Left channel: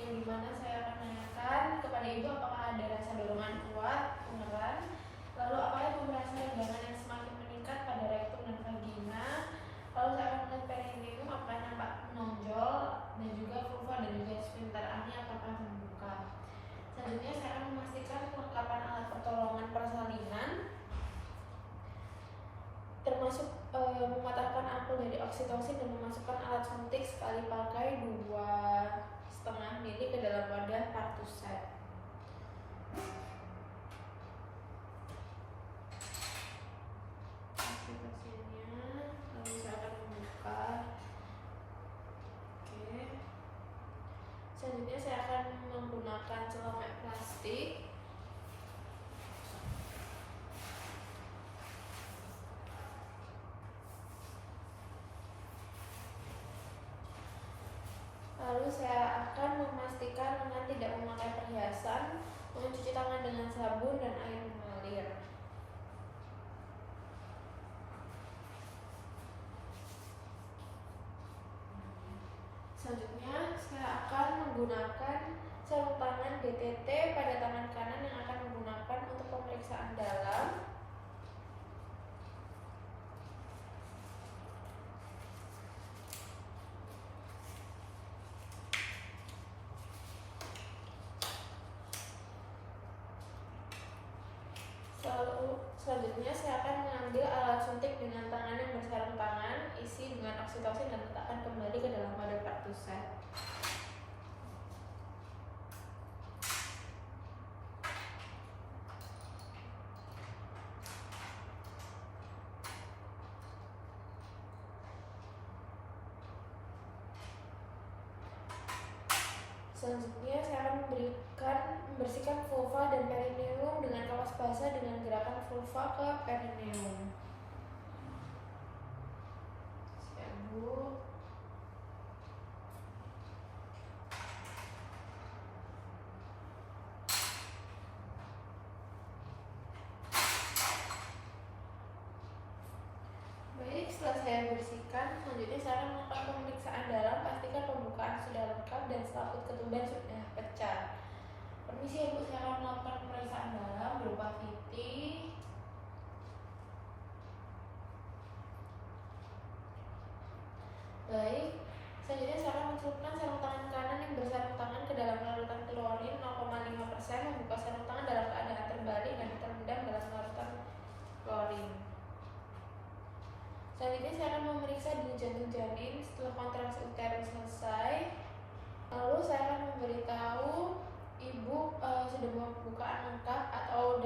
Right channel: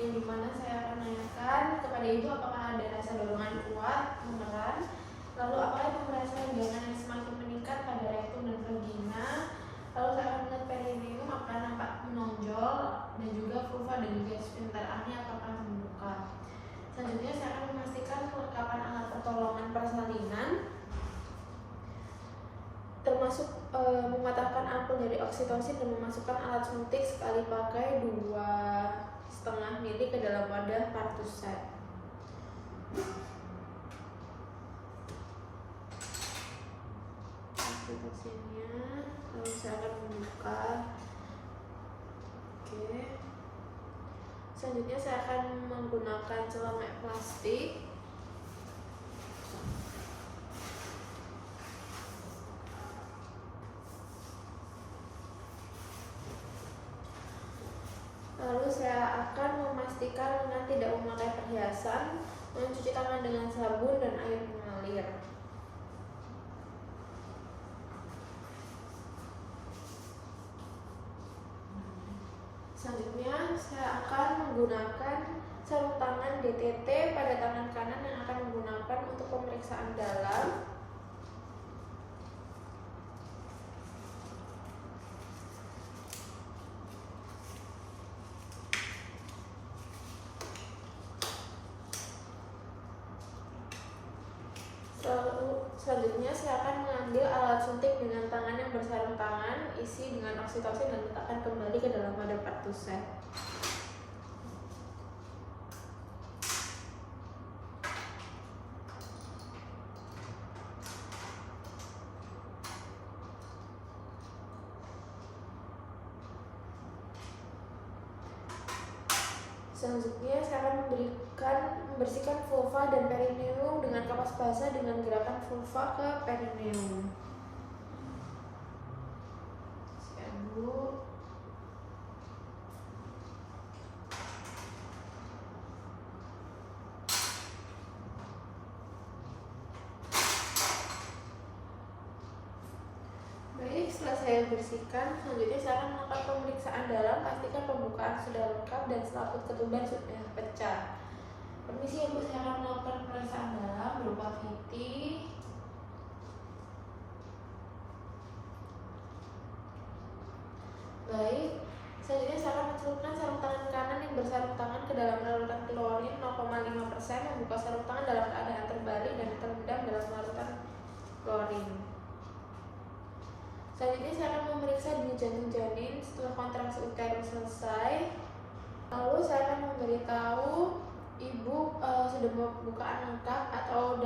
yang dimana saya akan menanyakan kepada ibu apakah ada rasa dorongan kuat beneran, lalu apakah pemerasan rengganan yang semakin meningkat pada rektum dan vagina, lalu saya akan melihat perineum apakah nampak menonjol, dan juga vulva dan juga sphincter ani apakah terbuka. Selanjutnya saya akan memastikan kelengkapan alat pertolongan persalinan, termasuk mematahkan apel dari oksitosin dan memasukkan alat suntik sekali pakai 2,5 mili ke dalam wadah partusat. Oksitosinnya, lalu saya akan membuka. Oke. Selanjutnya saya akan menggunakan celemek plastik. Lalu saya akan memastikan lengan tidak memakai perhiasan, mencuci tangan dengan sabun dan air mengalir. Selanjutnya saya akan menggunakan sarung tangan DTT pada tangan kanan yang akan menggunakan untuk pemeriksaan dalam. Selanjutnya saya akan mengambil alat suntik dengan tangan yang bersarung tangan, isi dengan oksitosin dan letakkan kembali ke dalam wadah partusat. Selanjutnya saya akan membersihkan vulva dan perineum dengan kapas basah dengan gerakan vulva ke perineum. Siap, Bu. Baik, setelah saya bersihkan, selanjutnya saya akan melakukan pemeriksaan dalam. Pastikan pembukaan sudah lengkap dan selaput ketumbar sudah pecah. Permisi ya Bu, saya akan melakukan pemeriksaan dalam berupa VT. Baik, selanjutnya saya akan mencelupkan sarung tangan kanan yang bersarung tangan ke dalam larutan klorin 0,5%, membuka sarung tangan dalam keadaan terbalik dan terendam dalam larutan klorin. Selanjutnya saya akan memeriksa di jantung janin setelah kontraksi uterus selesai. Lalu saya akan memberitahu ibu sudah pembukaan lengkap atau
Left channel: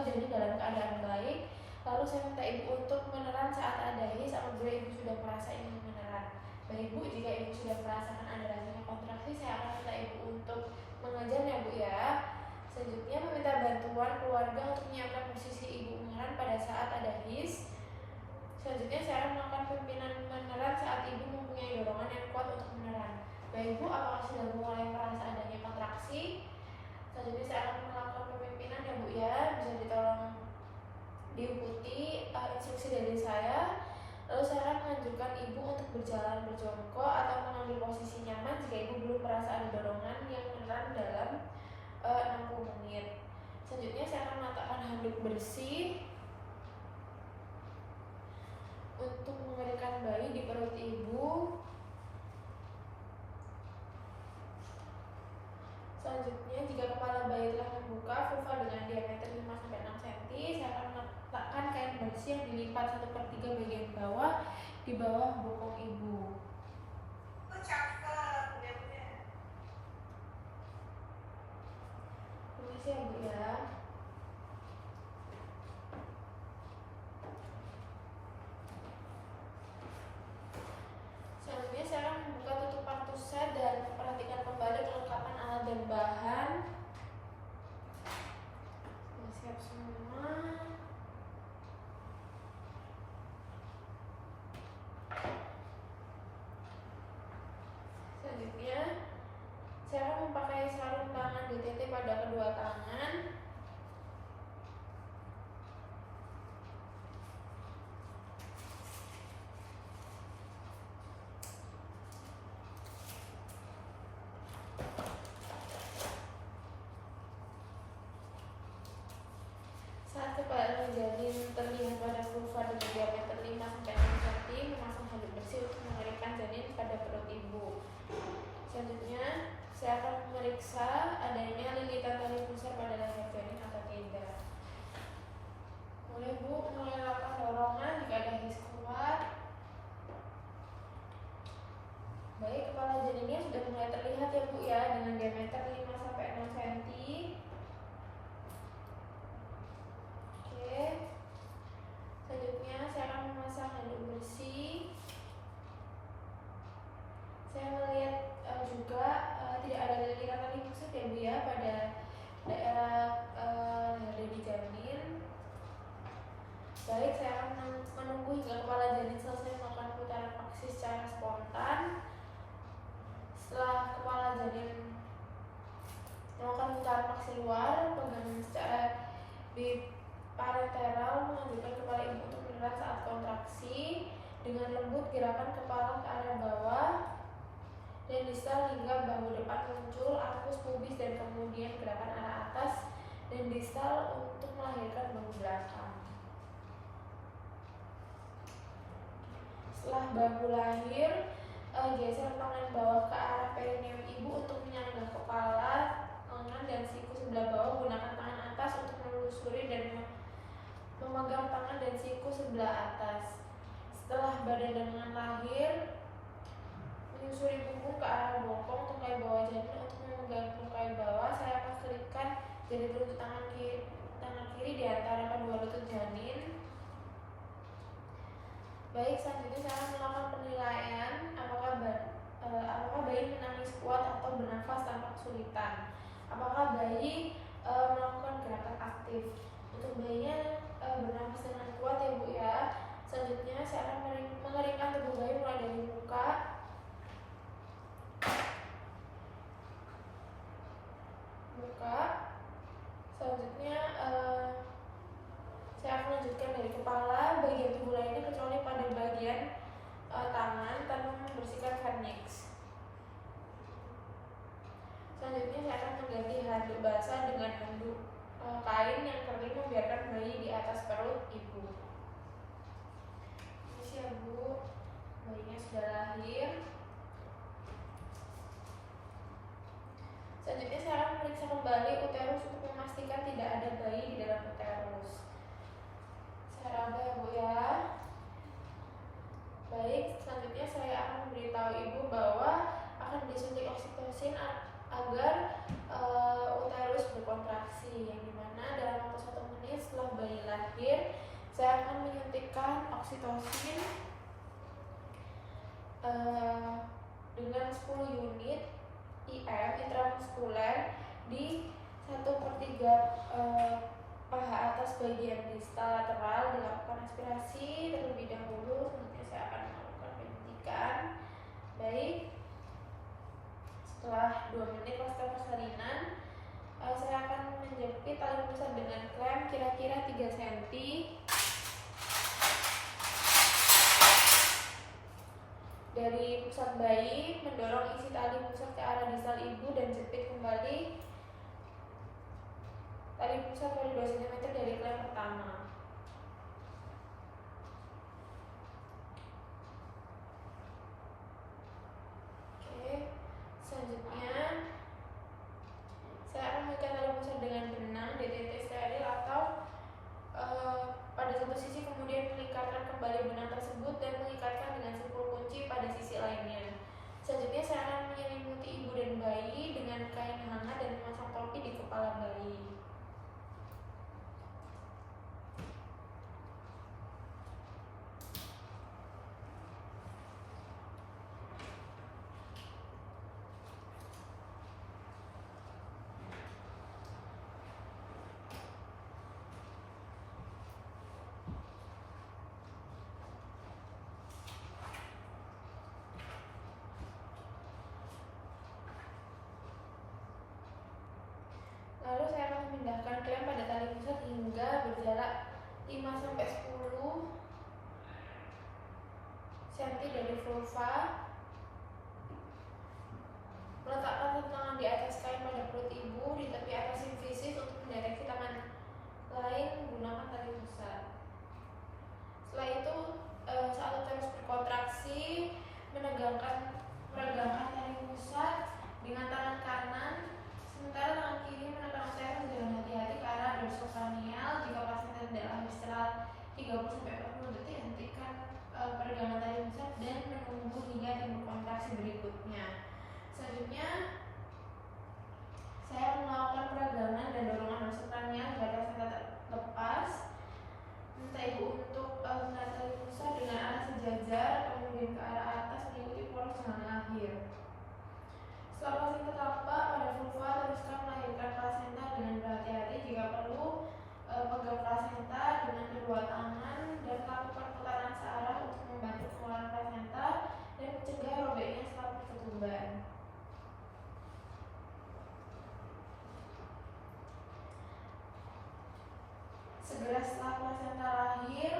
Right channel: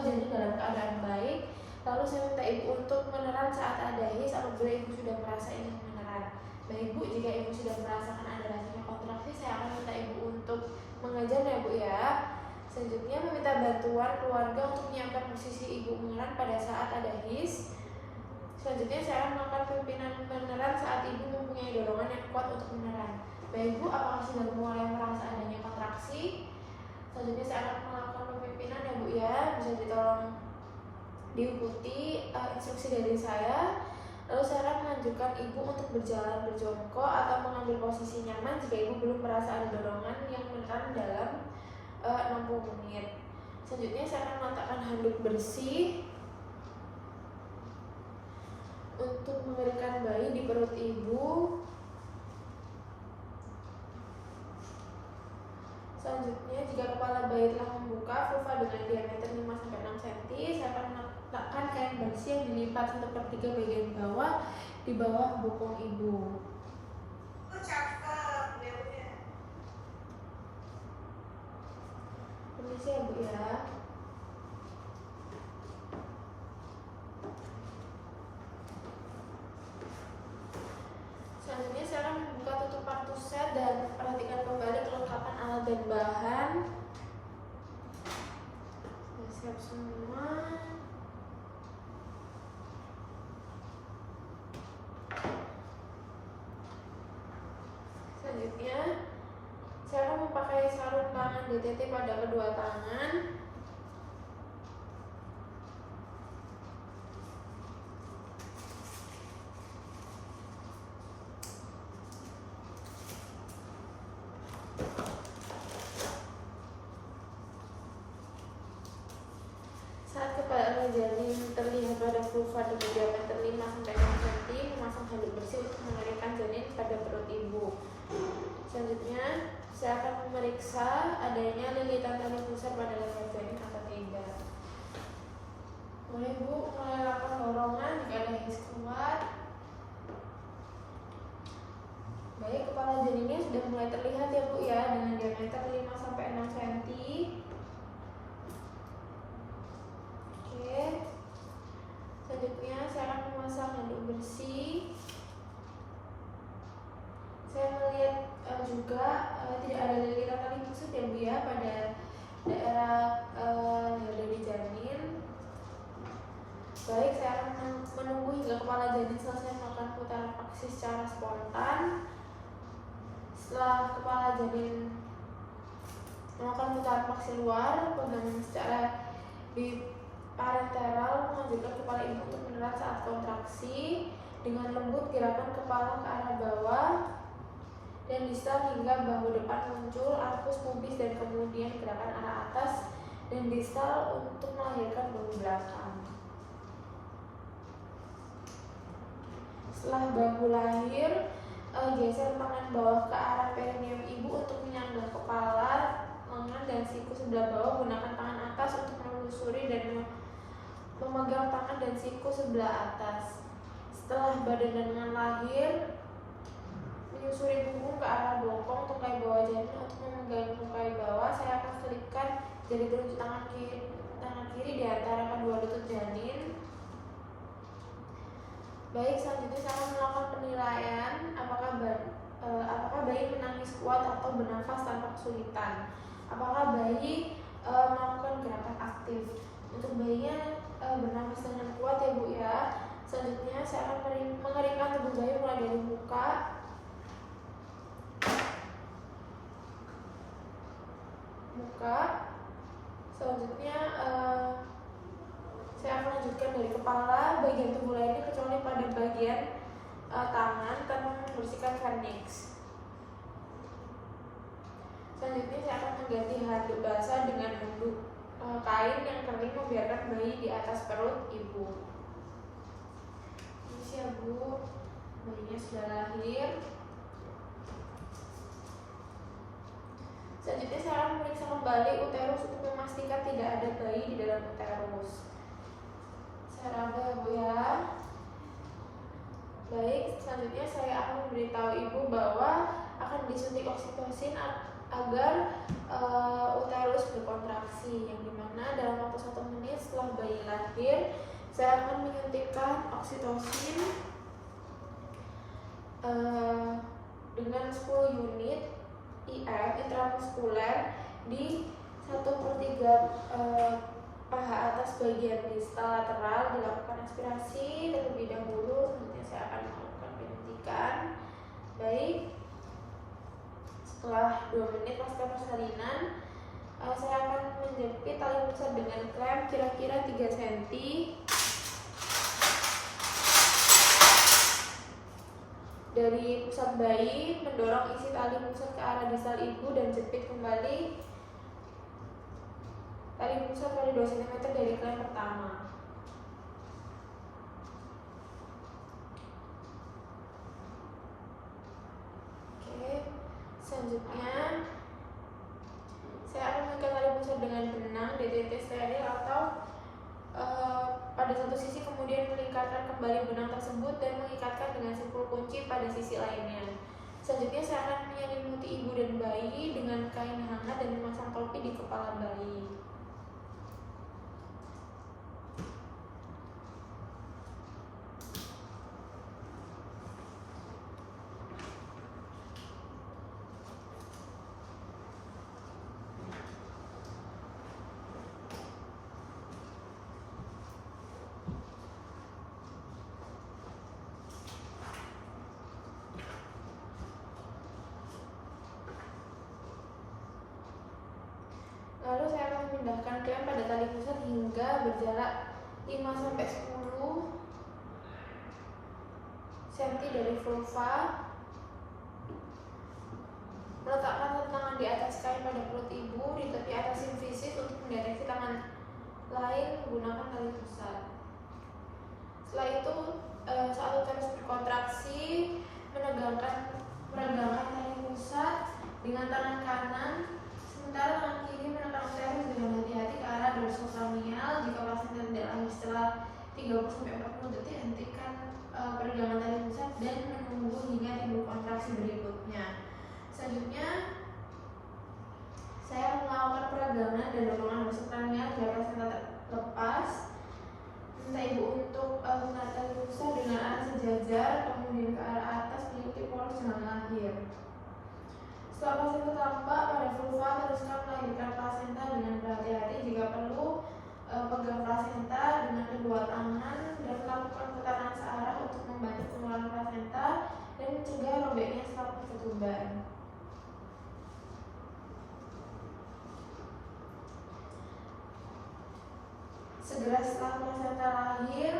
janin dalam keadaan baik. Lalu saya minta ibu untuk meneran saat ada his apabila ibu sudah merasa ingin meneran. Baik Bu, jika ibu sudah merasakan ada rasanya kontraksi, saya akan minta ibu untuk mengajar ya Bu ya. Selanjutnya meminta bantuan keluarga untuk menyiapkan posisi ibu meneran pada saat ada his. Selanjutnya saya akan melakukan pimpinan meneran saat ibu mempunyai dorongan yang kuat untuk meneran. Baik Bu, apakah sudah mulai merasa adanya kontraksi? Selanjutnya saya akan melakukan pemimpinan ya Bu ya, bisa ditolong diikuti instruksi dari saya. Lalu saya akan menganjurkan ibu untuk berjalan berjongkok atau mengambil posisi nyaman jika ibu belum merasa ada dorongan yang meneran dalam 60 menit. Selanjutnya saya akan meletakkan handuk bersih untuk mengeringkan bayi di perut ibu. Selanjutnya, jika kepala bayi telah membuka vulva dengan diameter 5-6 cm, saya akan meletakkan kain bersih yang dilipat 1/3 bagian bawah di bawah bokong ibu. Permisi ya Bu ya. Selanjutnya saya akan membuka tutup partusat dan perhatikan kembali kelengkapan alat dan bahan. Sudah siap semua. Selanjutnya saya akan memakai sarung tangan DTT pada kedua tangan. janin terlihat pada vulva dengan diameter 5-6 cm, memasang handuk bersih untuk mengeringkan janin pada perut ibu. Selanjutnya, saya akan memeriksa adanya lilitan tali pusar pada leher janin atau tidak. Mulai Bu, mulai lakukan dorongan jika ada his kuat. Baik, kepala janinnya sudah mulai terlihat ya Bu ya, dengan diameter 5-6 cm. Oke. Selanjutnya saya akan memasang handuk bersih. Saya melihat juga tidak ada lilitan tali pusar ya Bu ya pada daerah dari janin. Baik, saya akan menunggu hingga kepala janin selesai melakukan putaran paksi secara spontan. Setelah kepala janin melakukan putaran paksi luar, pegang secara biparenteral menganjurkan kepala ibu untuk menelan saat kontraksi. Dengan lembut gerakan kepala ke arah bawah dan distal hingga bahu depan muncul, arcus pubis, dan kemudian gerakan arah atas dan distal untuk melahirkan bahu belakang. Setelah bahu lahir, geser tangan bawah ke arah perineum ibu untuk menyanggah kepala, lengan, dan siku sebelah bawah. Gunakan tangan atas untuk menelusuri dan memegang tangan dan siku sebelah atas. Setelah badan dan lengan lahir, menyusuri punggung ke arah bokong tungkai bawah janin untuk memegang tungkai bawah. Saya akan selipkan jari telunjuk tangan kiri di antara kedua lutut janin. Baik, selanjutnya saya akan melakukan penilaian apakah bayi menangis kuat atau bernafas tanpa kesulitan. Apakah bayi melakukan gerakan aktif. Untuk bayinya bernafas dengan kuat ya Bu ya. Selanjutnya saya akan mengeringkan tubuh bayi mulai dari muka, selanjutnya saya akan lanjutkan dari kepala, bagian tubuh lainnya kecuali pada bagian tangan tanpa membersihkan vernix. Selanjutnya saya akan mengganti handuk basah dengan handuk kain yang kering, membiarkan bayi di atas perut ibu. Ini ya Bu, bayinya sudah lahir. Selanjutnya saya akan memeriksa kembali uterus untuk memastikan tidak ada bayi di dalam uterus. Saya raba ya Bu ya. Baik, selanjutnya saya akan memberitahu ibu bahwa akan disuntik oksitosin agar uterus berkontraksi, yang dimana dalam waktu 1 menit setelah bayi lahir saya akan menyuntikkan oksitosin dengan 10 unit IM intramuskuler di 1/3 paha atas bagian distal lateral. Dilakukan aspirasi terlebih dahulu. Selanjutnya saya akan melakukan penyuntikan. Baik, setelah 2 menit pasca persalinan, saya akan menjepit tali pusar dengan klem kira-kira 3 cm. Dari pusat bayi, mendorong isi tali pusat ke arah distal ibu dan jepit kembali tali pusat pada 2 cm dari klem pertama. Oke, selanjutnya saya akan mengikat tali pusat dengan benang DTT steril atau pada satu sisi, kemudian melingkarkan kembali benang tersebut dan mengikatkan dengan simpul kunci pada sisi lainnya. Selanjutnya saya akan menyelimuti ibu dan bayi dengan kain hangat dan memasang topi di kepala bayi. Lalu saya akan memindahkan klem pada tali pusat hingga berjarak 5-10 cm dari vulva. Meletakkan tangan di atas kain pada perut ibu di tepi atas simfisis untuk mendeteksi tangan lain menggunakan tali pusat. Setelah itu saat uterus berkontraksi, meregangkan tali pusat dengan tangan kanan, sementara tangan kiri menekan uterus dengan hati-hati ke arah dorsal kranial. Jika plasenta tidak lahir setelah 30-40 detik, hentikan peregangan tali pusat dan menunggu hingga timbul kontraksi berikutnya. Selanjutnya, saya akan melakukan peregangan dan dorongan dorsal kranial agar plasenta terlepas. Minta ibu untuk menarik tali pusat dengan arah sejajar, kemudian ke arah atas mengikuti poros jalan lahir. Setelah plasenta tampak pada vulva, teruskan melahirkan plasenta dengan berhati-hati. Jika perlu, pegang plasenta dengan kedua tangan dan lakukan putaran searah untuk membantu pengeluaran plasenta dan mencegah robeknya selaput ketuban. Segera setelah plasenta lahir,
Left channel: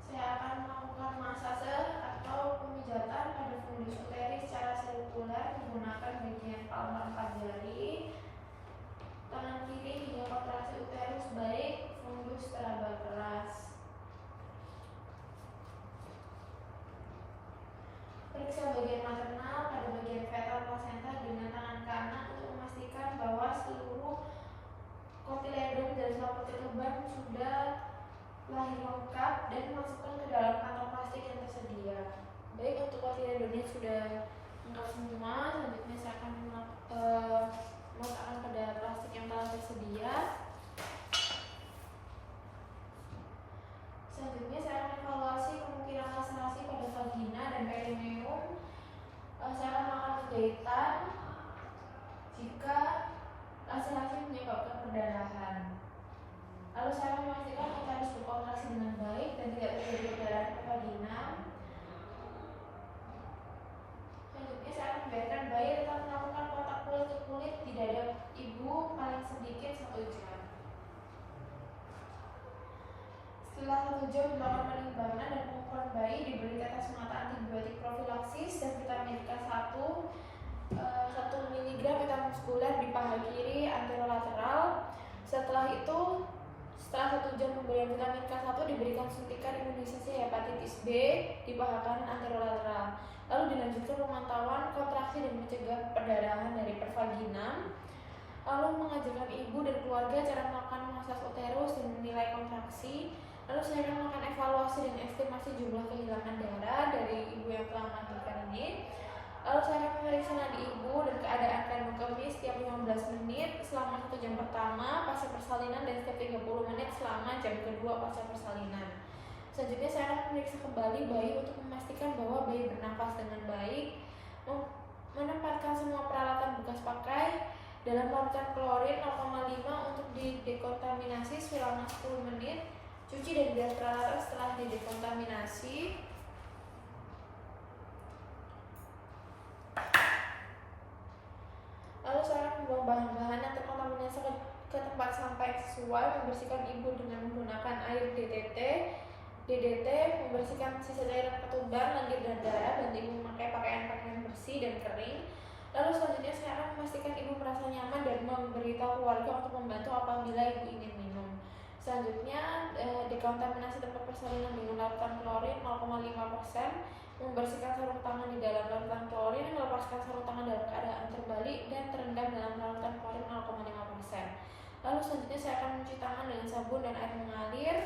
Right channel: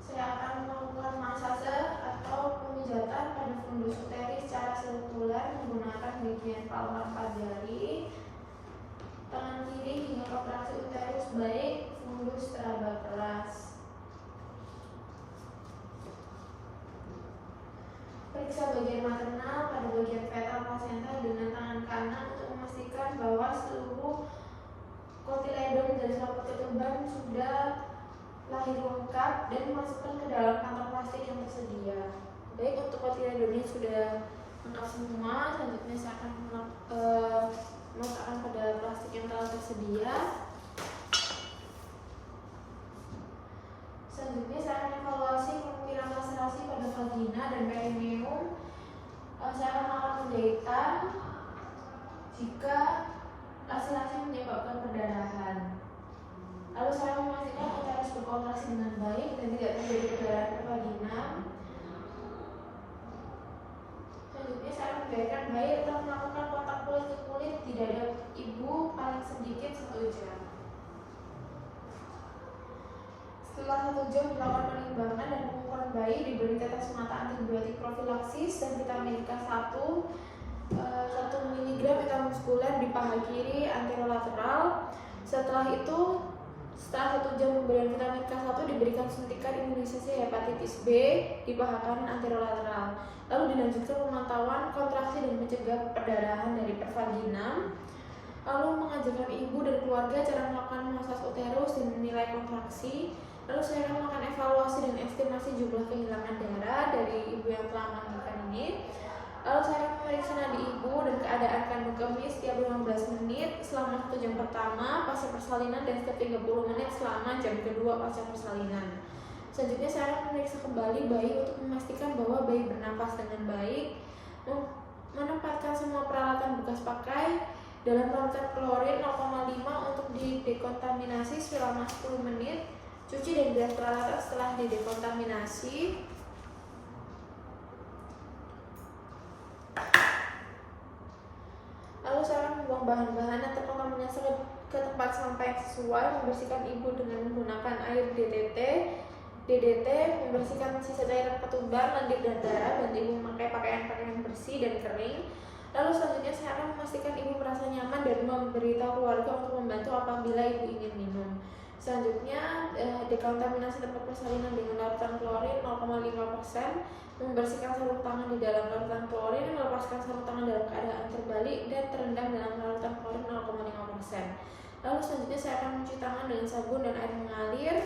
saya akan melakukan masase atau pemijatan pada fundus uterus secara sirkular menggunakan bagian palmar 4 jari, tangan kiri hingga kontraksi uterus baik, fundus teraba keras. Periksa bagian maternal pada bagian fetal plasenta dengan tangan kanan untuk memastikan bahwa seluruh kotiledon dari selaput ketuban sudah lahir lengkap dan dimasukkan ke dalam kantong plastik yang tersedia. Baik, untuk kotiledonnya sudah lengkap semua. Selanjutnya saya akan meletakkan pada plastik yang telah tersedia. Selanjutnya saya akan evaluasi kemungkinan laserasi pada vagina dan perineum. Saya akan melakukan penjahitan jika laserasi menyebabkan perdarahan. Lalu saya memastikan uterus berkontraksi dengan baik dan tidak terjadi perdarahan di vagina. Selanjutnya saya akan membiarkan bayi tetap melakukan kontak kulit ke kulit di dada ibu paling sedikit 1 jam. Setelah 1 jam dilakukan penimbangan dan pengukuran bayi, diberi tetes mata antibiotik profilaksis dan vitamin K1 1 mg intramuskuler di paha kiri anterolateral. Setelah 1 jam pemberian vitamin K1 diberikan suntikan imunisasi hepatitis B di paha kanan anterolateral. Lalu dilanjutkan pemantauan kontraksi dan mencegah perdarahan dari pervaginam. Lalu mengajarkan ibu dan keluarga cara melakukan massage uterus dan menilai kontraksi. Lalu saya akan melakukan evaluasi dan estimasi jumlah kehilangan darah dari ibu yang telah melahirkan ini. Lalu saya akan memeriksa nadi ibu dan keadaan kandung kemih setiap 15 menit selama 1 jam pertama pasca persalinan dan setiap 30 menit selama jam kedua pasca persalinan. Selanjutnya saya akan memeriksa kembali bayi untuk memastikan bahwa bayi bernafas dengan baik, menempatkan semua peralatan bekas pakai dalam larutan klorin 0,5 untuk didekontaminasi selama 10 menit, cuci dan bilas peralatan setelah didekontaminasi. Lalu saya akan membuang bahan-bahan yang terkontaminasi ke tempat sampah yang sesuai, membersihkan ibu dengan menggunakan air DDT, membersihkan sisa cairan ketuban, lendir dan darah, dan ibu memakai pakaian bersih dan kering. Lalu selanjutnya saya akan memastikan ibu merasa nyaman dan memberitahu keluarga untuk membantu apabila ibu ingin minum. Selanjutnya dekontaminasi tempat persalinan dengan larutan klorin 0,5%, membersihkan sarung tangan di dalam larutan klorin, melepaskan sarung tangan dalam keadaan terbalik dan terendam dalam larutan klorin 0,5%. Lalu selanjutnya saya akan mencuci tangan dengan sabun dan air mengalir.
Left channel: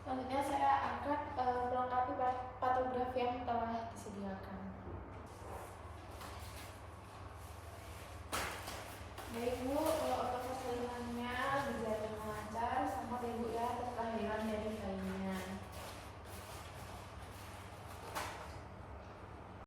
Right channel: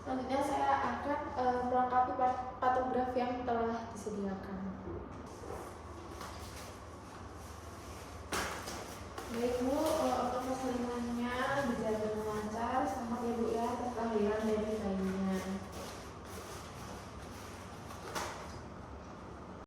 Selanjutnya saya akan melengkapi patografi yang telah disediakan. Baik Bu,